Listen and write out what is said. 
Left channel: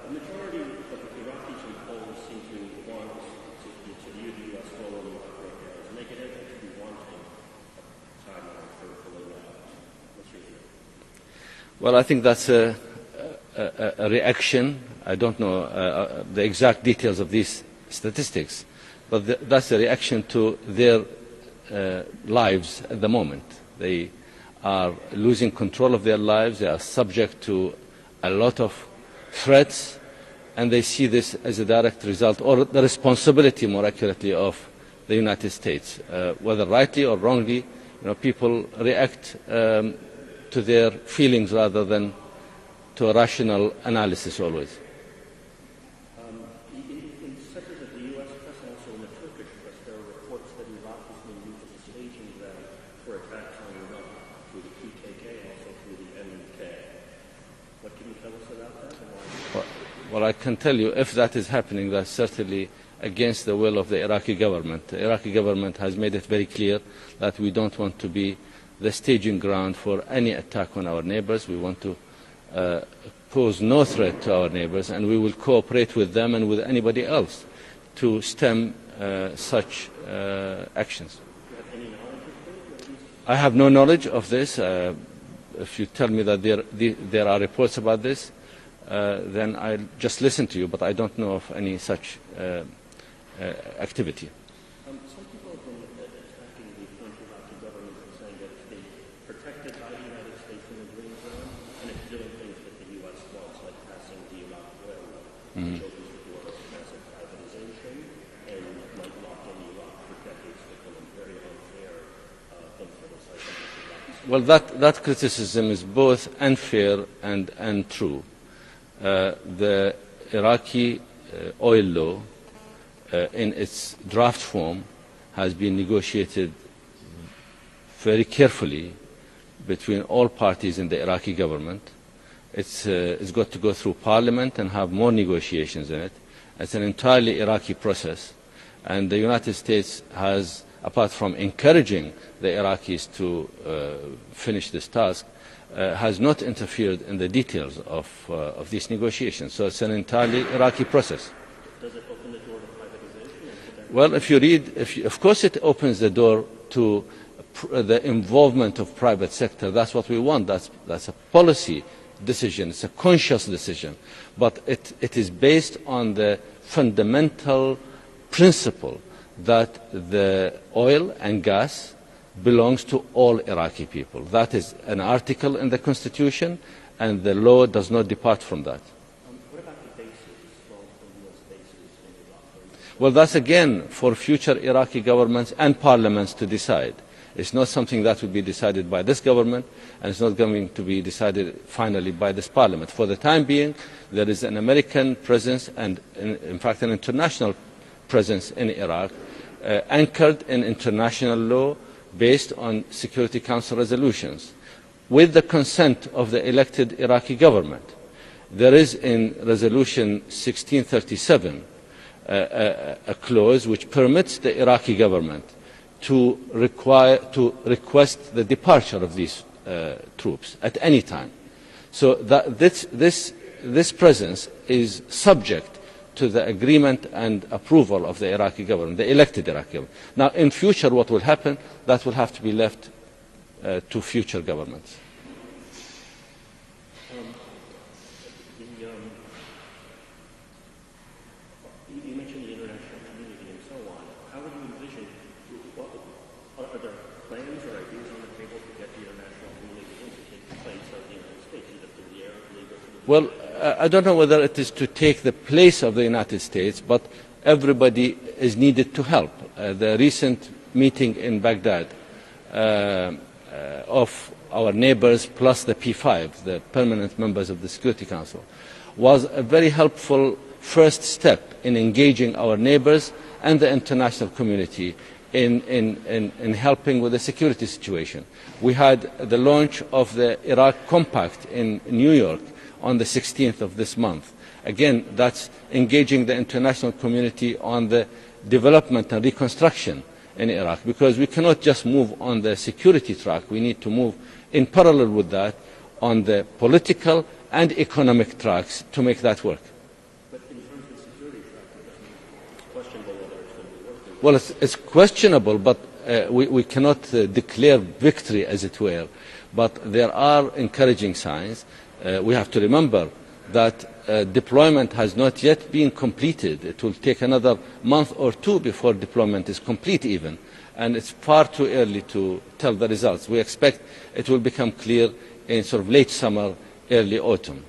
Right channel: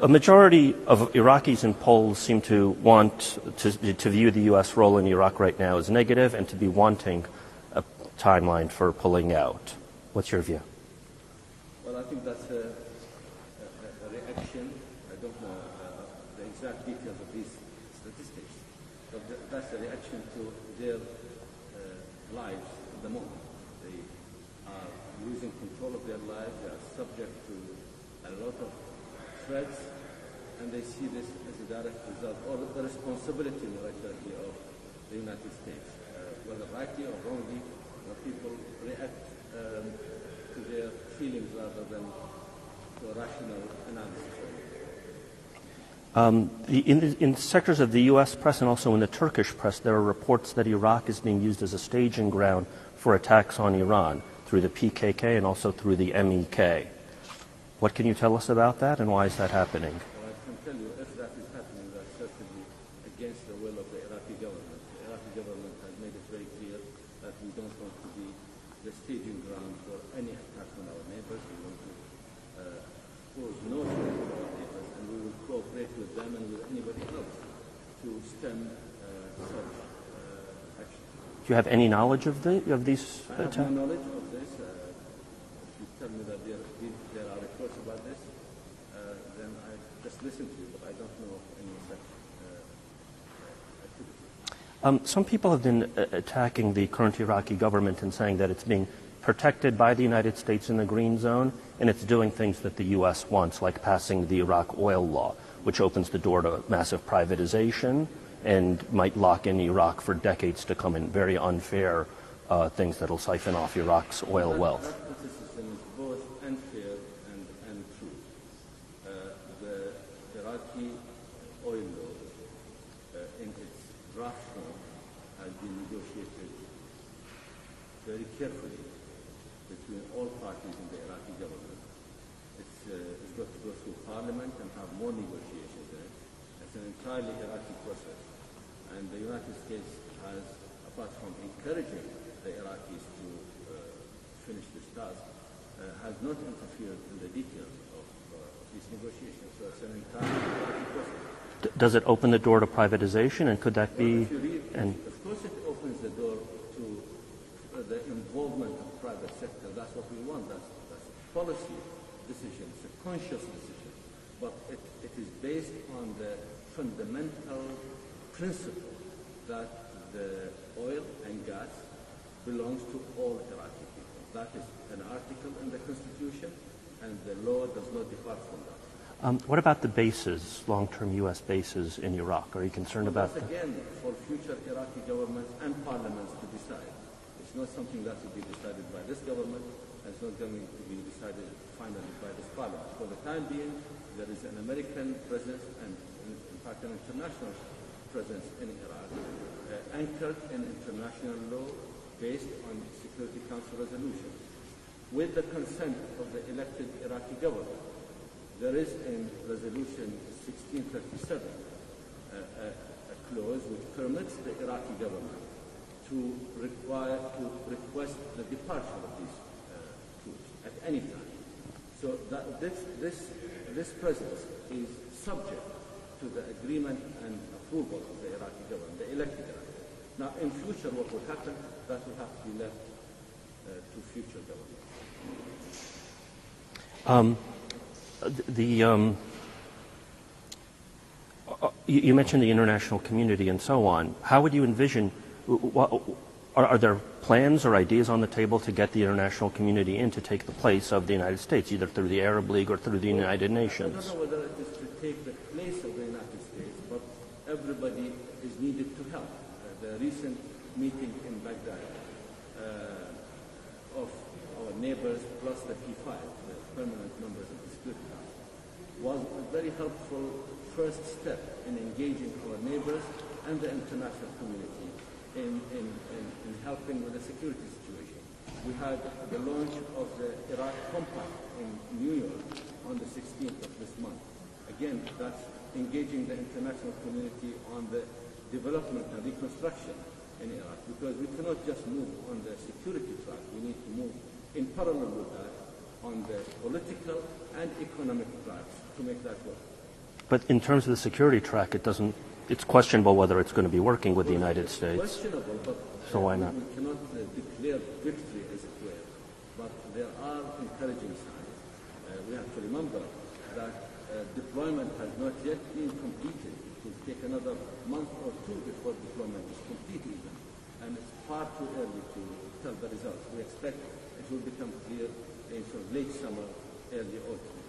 A majority of Iraqis and Poles seem to want to view the U.S. role in Iraq right now as negative and to be wanting a timeline for pulling out. What's your view? Well, I think that's a reaction. I don't know the exact details of these statistics, but that's a reaction to their lives at the moment. They are losing control of their lives. They are subject to a lot of threats, and they see this as a direct result, or the responsibility, more accurately, of the United States. Whether rightly or wrongly, people react to their feelings rather than to a rational analysis always. In sectors of the U.S. press and also in the Turkish press, there are reports that Iraq is being used as a staging ground for attacks on Iran through the PKK and also through the MEK. What can you tell us about that, and why is that happening? Well, I can tell you, if that is happening, that's certainly against the will of the Iraqi government. The Iraqi government has made it very clear that we don't want to be the staging ground for any attack on our neighbors. We want to pose no threat to our neighbors, and we will cooperate with them and with anybody else to stem such actions. Do you have any knowledge of these? I have no knowledge of this. If you tell me that there are reports about this, then I'll just listen to you, but I don't know of any such activity. Some people have been attacking the current Iraqi government and saying that it's being protected by the United States in the green zone, and it's doing things that the U.S. wants, like passing the Iraq oil law, which opens the door to massive privatization and might lock in Iraq for decades to come in very unfair things that will siphon off Iraq's oil wealth. That criticism is both unfair and true. The Iraqi oil law, in its draft form, has been negotiated very carefully between all parties in the Iraqi government. It's got to go through parliament and have more negotiations in it. It's an entirely Iraqi process, and the United States has, apart from encouraging the Iraqis to finish this task, has not interfered in the details of these negotiations. So it's an entirely Iraqi process. Does it open the door to privatization, and could that Well, if you read, of course it opens the door to the involvement of private sector. That's what we want. That's a policy decision. It's a conscious decision. But it is based on the fundamental principle that the oil and gas belongs to all Iraqi people. That is an article in the Constitution, and the law does not depart from that. What about the bases, long-term U.S. bases in Iraq? Are you concerned? Well, that's again for future Iraqi governments and parliaments to decide. It's not something that will be decided by this government, and it's not going to be decided finally by this parliament. For the time being, there is an American presence and, in fact, an international presence in Iraq, anchored in international law based on Security Council resolutions, with the consent of the elected Iraqi government. There is in Resolution 1637 a clause which permits the Iraqi government to request the departure of these troops at any time. So that this presence is subject to the agreement and approval of the Iraqi government, the elected Iraqi government. Now, in future, what will happen, that will have to be left to future governments. You mentioned the international community and so on. How would you envision, are there plans or ideas on the table to get the international community in to take the place of the United States, either through the Arab League or through the United Nations? I don't know whether it is to take the place of the United States, but everybody is needed to help. The recent meeting in Baghdad of our neighbors plus the P5, the permanent members of the Security Council, was a very helpful first step in engaging our neighbors and the international community in helping with the security situation. We had the launch of the Iraq Compact in New York on the 16th of this month. Again, that's engaging the international community on the development and reconstruction in Iraq, because we cannot just move on the security track. We need to move in parallel with that on the political and economic tracks to make that work. But in terms of the security track, it's questionable whether it's going to be working with well, the United States. It's questionable, but we cannot declare victory, as it were. But there are encouraging signs. We have to remember that deployment has not yet been completed. It will take another month or two before deployment is complete even. And it's far too early to tell the results. We expect it will become clear in sort of late summer, early autumn.